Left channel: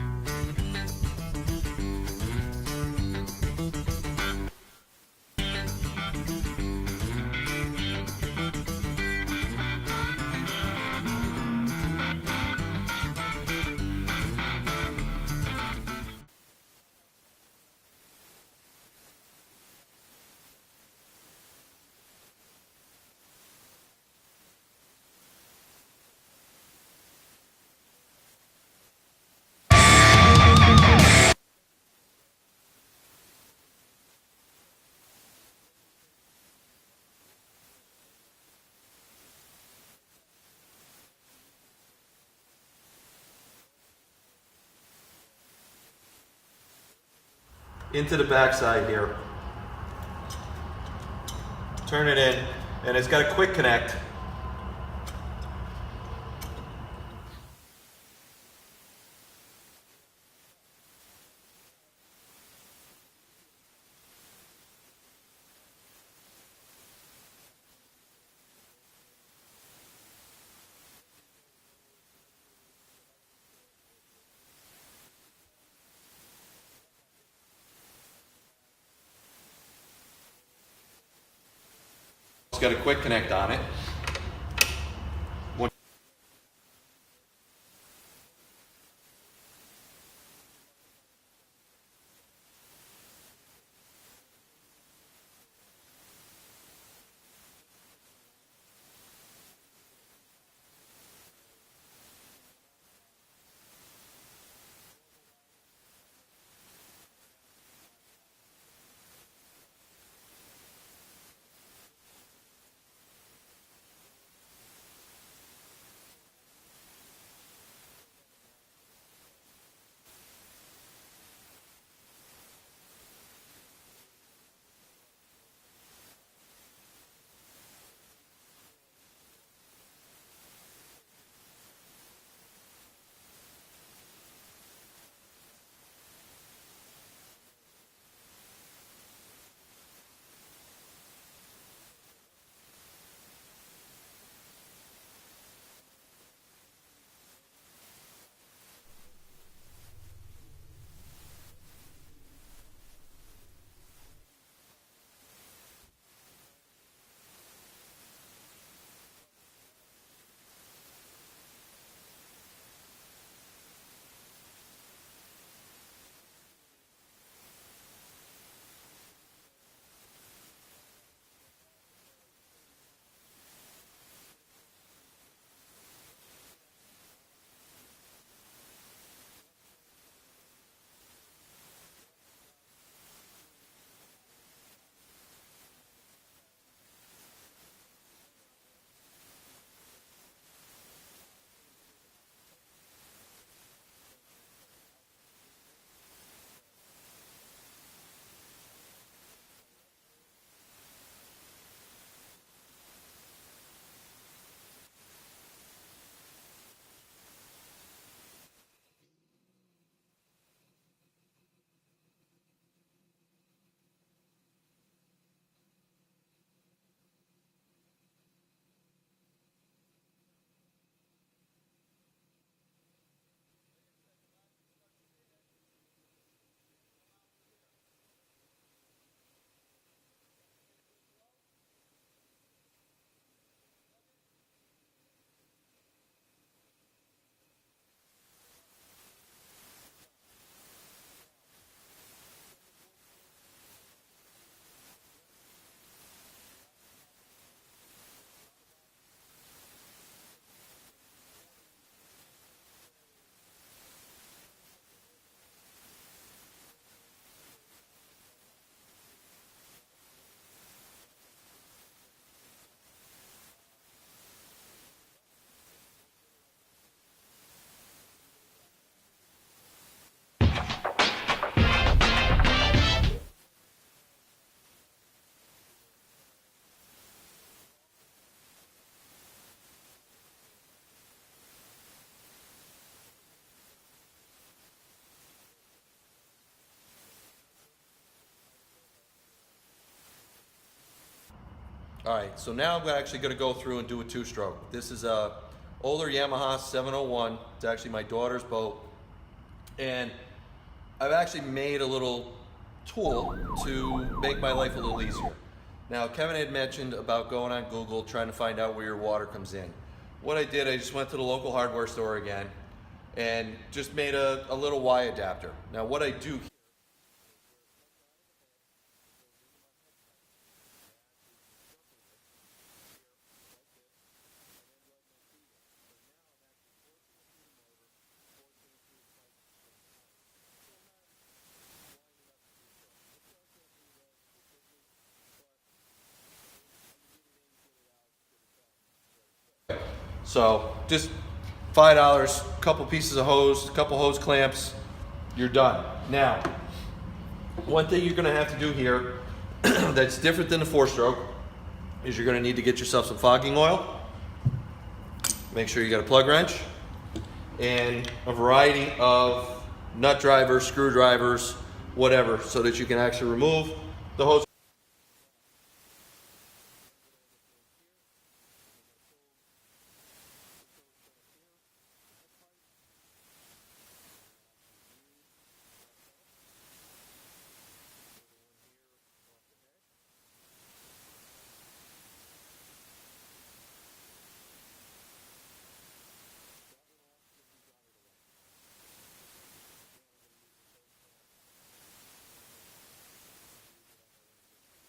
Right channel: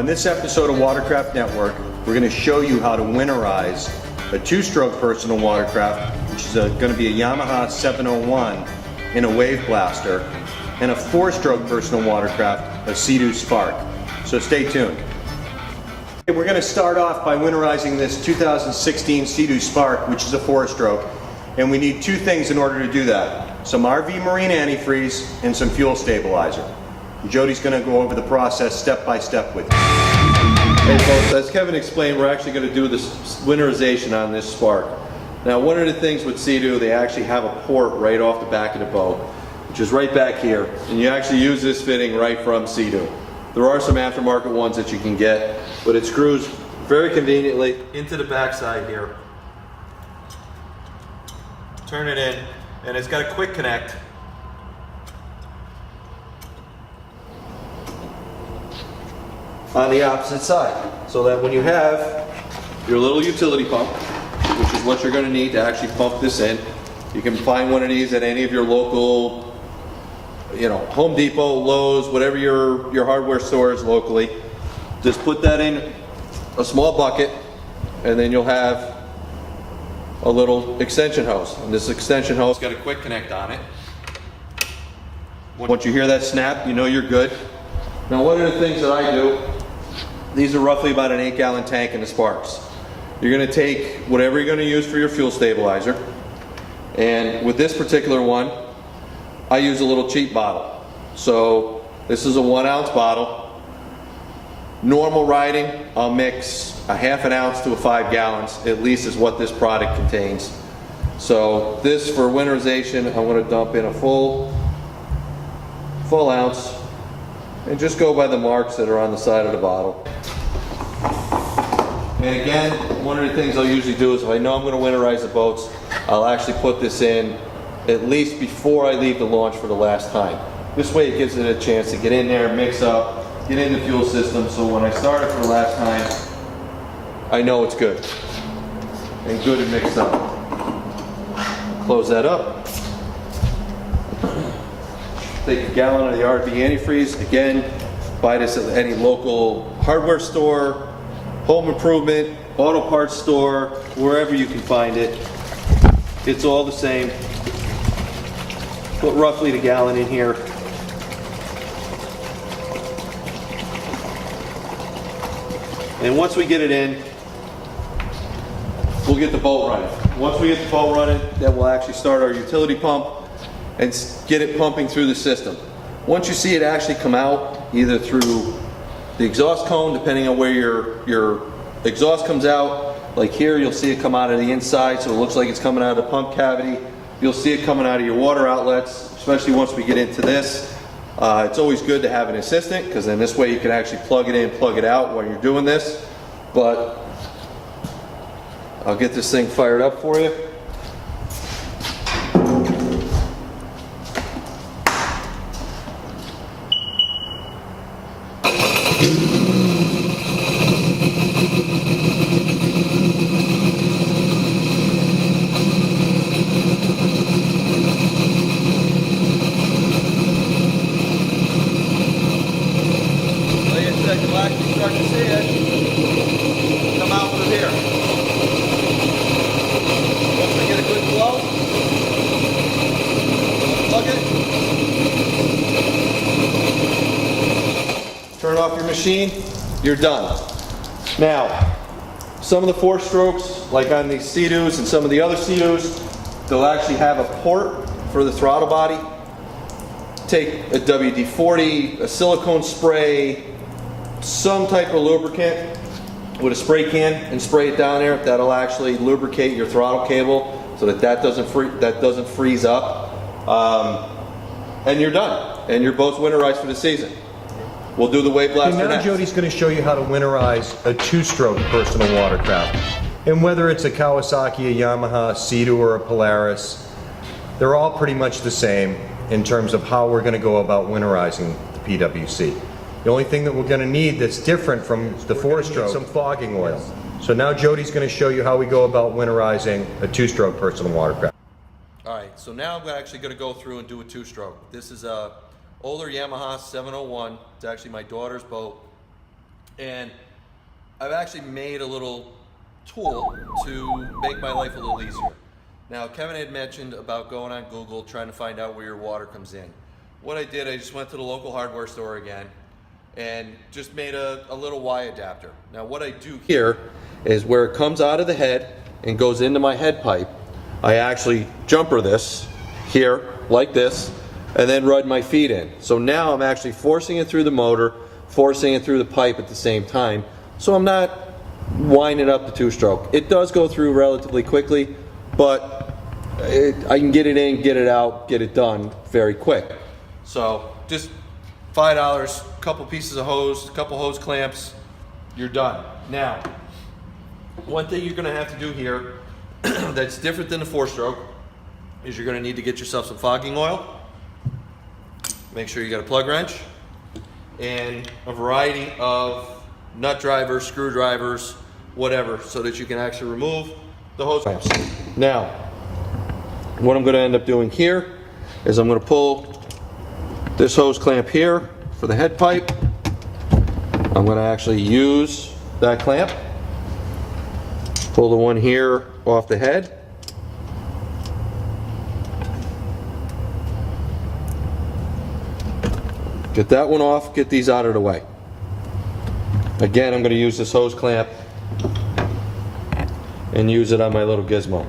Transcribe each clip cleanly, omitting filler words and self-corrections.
On this episode of Watercraft Network, we're going to show you how to winterize a two-stroke personal watercraft, which is going to be a Yamaha 701 in a wave blaster, and a four-stroke personal watercraft, a SeaDoo Spark. So stay tuned. We're going to start off by winterizing this 2016 SeaDoo Spark, which is a four-stroke, and we need two things in order to do that: some RV Marine antifreeze and some fuel stabilizer. Jody's going to go over the process step by step with you. Okay, folks, as Kevin explained, we're actually going to do this winterization on this Spark. Now, one of the things with SeaDoo, they actually have a port right off the back of the boat, which is right back here, and you actually use this fitting right from SeaDoo. There are some aftermarket ones that you can get, but it screws very conveniently into the backside here. Turn it in, and it's got a quick connect. On the opposite side, so that when you have your little utility pump, which is what you're going to need to actually pump this in, you can find one of these at any of your local, Home Depot, Lowe's, whatever your hardware store is locally. Just put that in a small bucket, and then you'll have a little extension hose. And this extension hose got a quick connect on it. Once you hear that snap, you know you're good. Now, one of the things that I do, these are roughly about an 8-gallon tank in the Sparks. You're going to take whatever you're going to use for your fuel stabilizer, and with this particular one, I use a little cheap bottle. So this is a 1-ounce bottle. Normal riding, I'll mix a ½ an ounce to a 5 gallons, at least is what this product contains. So this, for winterization, I'm going to dump in a full ounce, and just go by the marks that are on the side of the bottle. And again, one of the things I'll usually do is if I know I'm going to winterize the boats, I'll actually put this in at least before I leave the launch for the last time. This way it gives it a chance to get in there, mix up, get in the fuel system, so when I start it for the last time, I know it's good. And good and mixed up. Close that up. Take a gallon of the RV antifreeze. Again, buy this at any local hardware store, home improvement, auto parts store, wherever you can find it. It's all the same. Put roughly the gallon in here. And once we get it in, we'll get the boat running. Once we get the boat running, then we'll actually start our utility pump and get it pumping through the system. Once you see it actually come out, either through the exhaust cone, depending on where your exhaust comes out, like here, you'll see it come out of the inside, so it looks like it's coming out of the pump cavity. You'll see it coming out of your water outlets, especially once we get into this. It's always good to have an assistant, because then this way you can actually plug it in, plug it out while you're doing this. But I'll get this thing fired up for you. Start to see it come out through here. Once we get a good flow, plug it, turn off your machine, you're done. Now, some of the four strokes, like on these SeaDoos and some of the other SeaDoos, they'll actually have a port for the throttle body. Take a WD-40, a silicone spray, some type of lubricant with a spray can and spray it down there. That'll actually lubricate your throttle cable so that doesn't freeze up. And you're done. And your boat's winterized for the season. We'll do the wave blaster now next. Jody's going to show you how to winterize a two-stroke personal watercraft. And whether it's a Kawasaki, a Yamaha, a SeaDoo, or a Polaris, they're all pretty much the same in terms of how we're going to go about winterizing the PWC. The only thing that we're going to need that's different from the four-stroke is some fogging oil. So now Jody's going to show you how we go about winterizing a two-stroke personal watercraft. All right, so now I'm actually going to go through and do a two-stroke. This is a older Yamaha 701. It's actually my daughter's boat. And I've actually made a little tool to make my life a little easier. Now, Kevin had mentioned about going on Google, trying to find out where your water comes in. What I did, I just went to the local hardware store again and just made a little Y adapter. Now, what I do here is where it comes out of the head and goes into my head pipe, I actually jumper this here like this and then run my feet in. So now I'm actually forcing it through the motor, forcing it through the pipe at the same time. So I'm not winding up the two-stroke. It does go through relatively quickly, but I can get it in, get it out, get it done very quick. So just $5, couple pieces of hose, couple hose clamps, you're done. Now, one thing you're gonna have to do here that's different than the four-stroke is you're gonna need to get yourself some fogging oil. Make sure you got a plug wrench and a variety of nut drivers, screwdrivers, whatever, so that you can actually remove the hose clamps. Now, what I'm gonna end up doing here is I'm gonna pull this hose clamp here for the head pipe. I'm gonna actually use that clamp, pull the one here off the head. Get that one off, get these out of the way. Again, I'm going to use this hose clamp and use it on my little gizmo.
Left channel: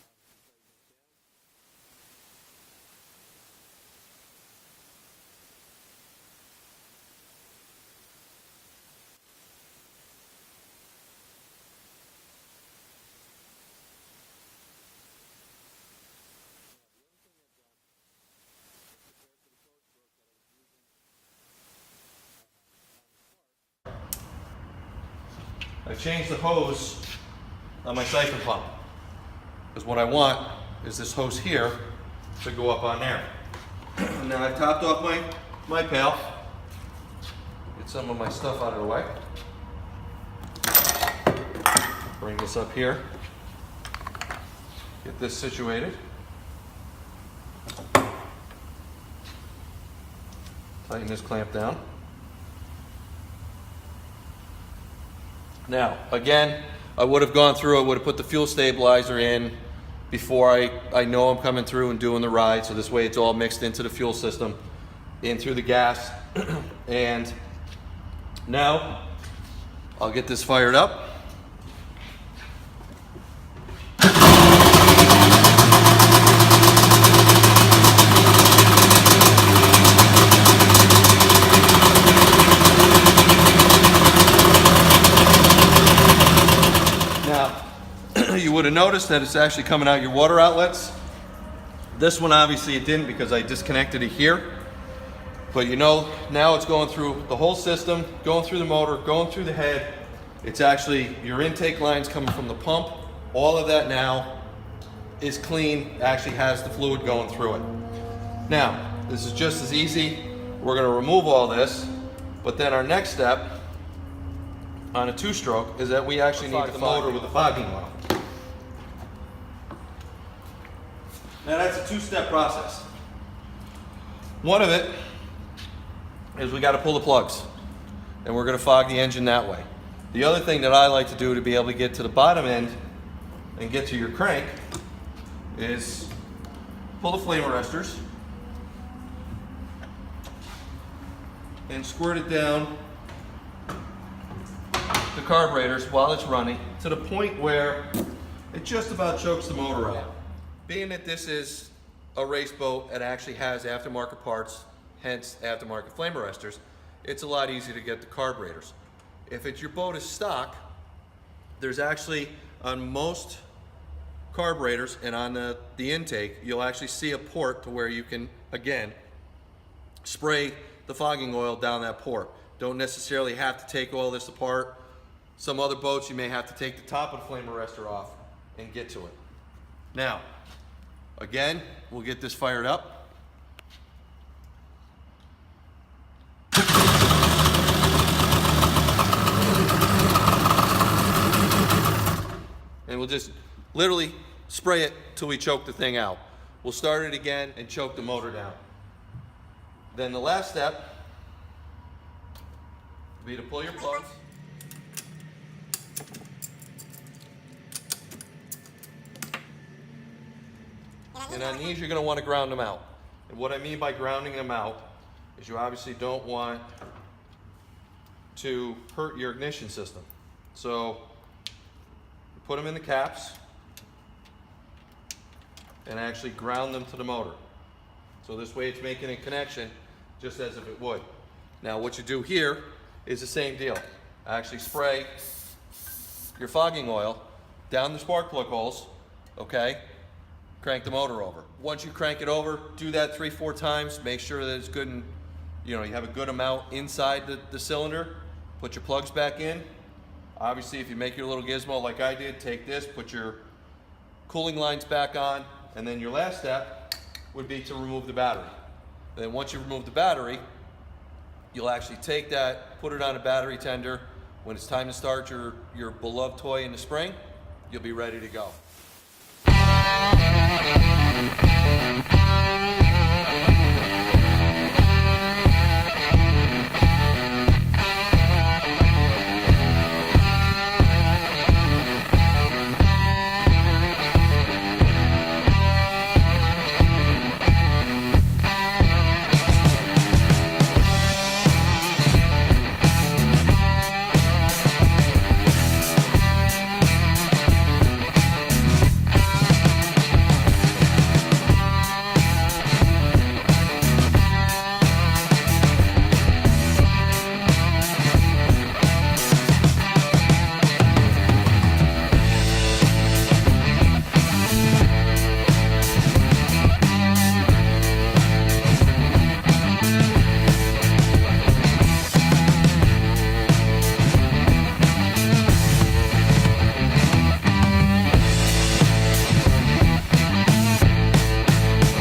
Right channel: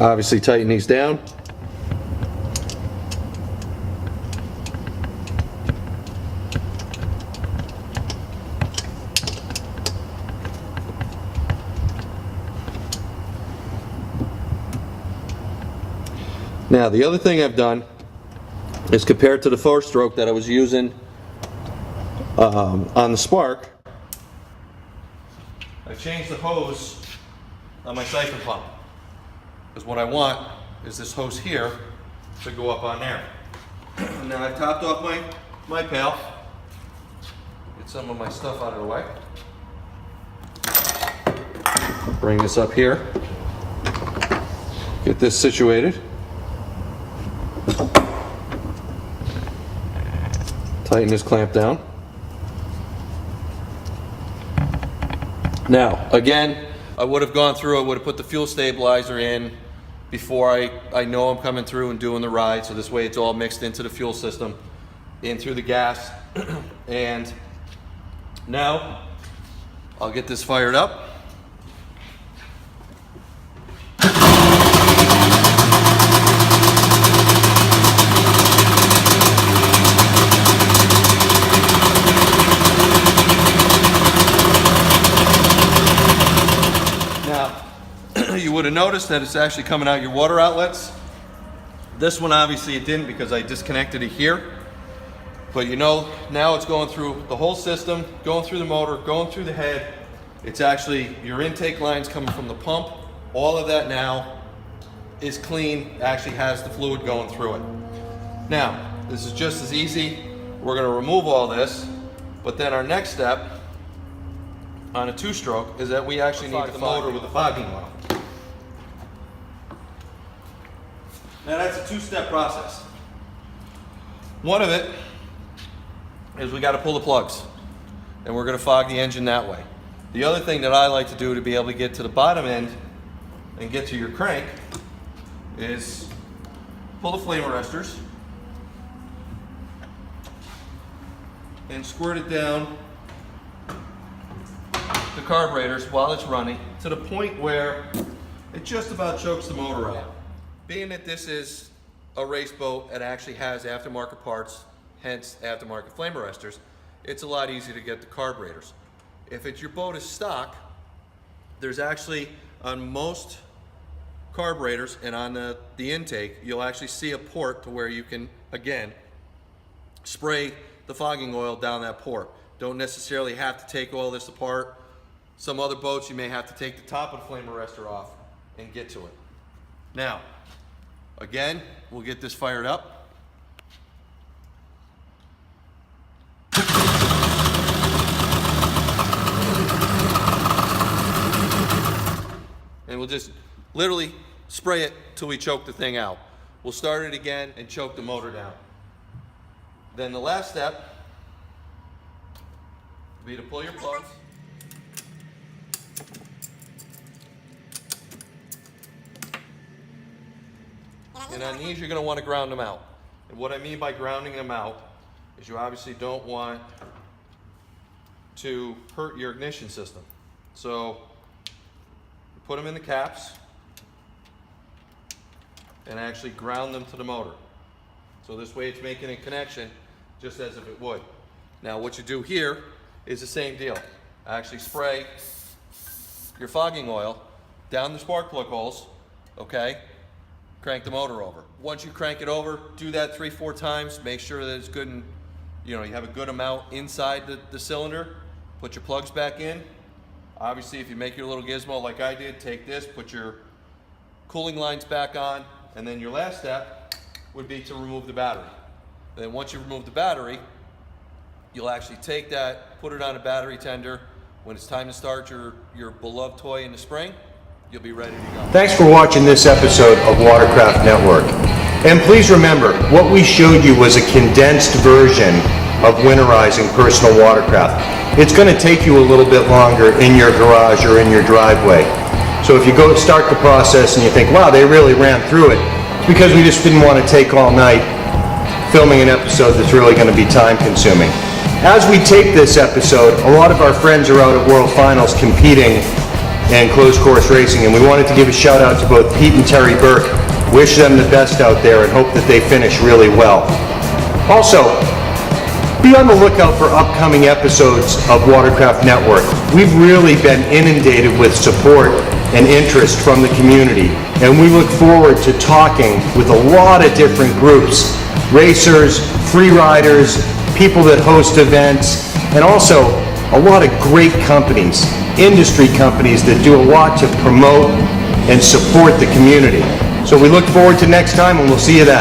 Obviously tighten these down. Now, the other thing I've done is compared to the four-stroke that I was using on the Spark, I've changed the hose on my siphon pump. Because what I want is this hose here to go up on there. Now I've topped off my pail. Get some of my stuff out of the way. Bring this up here. Get this situated. Tighten this clamp down. Now, again, I would have gone through, I would have put the fuel stabilizer in before I know I'm coming through and doing the ride, so this way it's all mixed into the fuel system, in through the gas. And now, I'll get this fired up. You would have noticed that it's actually coming out your water outlets. This one obviously it didn't because I disconnected it here. But you know, now it's going through the whole system, going through the motor, going through the head. It's actually your intake lines coming from the pump. All of that now is clean, actually has the fluid going through it. Now, this is just as easy. We're gonna remove all this, but then our next step on a two-stroke is that we actually need the motor with the fogging oil. Now that's a two-step process. One of it is we got to pull the plugs, and we're going to fog the engine that way. The other thing that I like to do to be able to get to the bottom end and get to your crank is pull the flame arresters and squirt it down the carburetors while it's running to the point where it just about chokes the motor out. Being that this is a race boat and actually has aftermarket parts, hence aftermarket flame arresters, it's a lot easier to get the carburetors. If your boat is stock, there's actually on most carburetors and on the intake, you'll actually see a port to where you can, again, spray the fogging oil down that port. Don't necessarily have to take all this apart. Some other boats you may have to take the top of the flame arrestor off and get to it. Now, again, we'll get this fired up. just literally spray it till we choke the thing out. We'll start it again and choke the motor down. Then the last step will be to pull your plugs. And on these, you're going to want to ground them out. And what I mean by grounding them out is you obviously don't want to hurt your ignition system. So you put them in the caps and actually ground them to the motor. So this way it's making a connection just as if it would. Now what you do here is the same deal. Actually spray your fogging oil down the spark plug holes, okay? Crank the motor over. Once you crank it over, do that 3-4 times. Make sure that it's good and you have a good amount inside the cylinder. Put your plugs back in. Obviously, if you make your little gizmo like I did, take this, put your cooling lines back on, and then your last step would be to remove the battery. And then once you remove the battery, you'll actually take that, put it on a battery tender. When it's time to start your beloved toy in the spring, you'll be ready to go. Thanks for watching this episode of Watercraft Network. And please remember, what we showed you was a condensed version of winterizing personal watercraft. It's going to take you a little bit longer in your garage or in your driveway. So if you go start the process and you think, wow, they really ran through it, because we just didn't want to take all night filming an episode that's really going to be time consuming. As we tape this episode, a lot of our friends are out at World Finals competing in closed course racing, and we wanted to give a shout out to both Pete and Terry Burke. Wish them the best out there and hope that they finish really well. Also, be on the lookout for upcoming episodes of Watercraft Network. We've really been inundated with support and interest from the community, and we look forward to talking with a lot of different groups, racers, free riders, people that host events, and also a lot of great companies, industry companies that do a lot to promote and support the community. So we look forward to next time, and we'll see you then.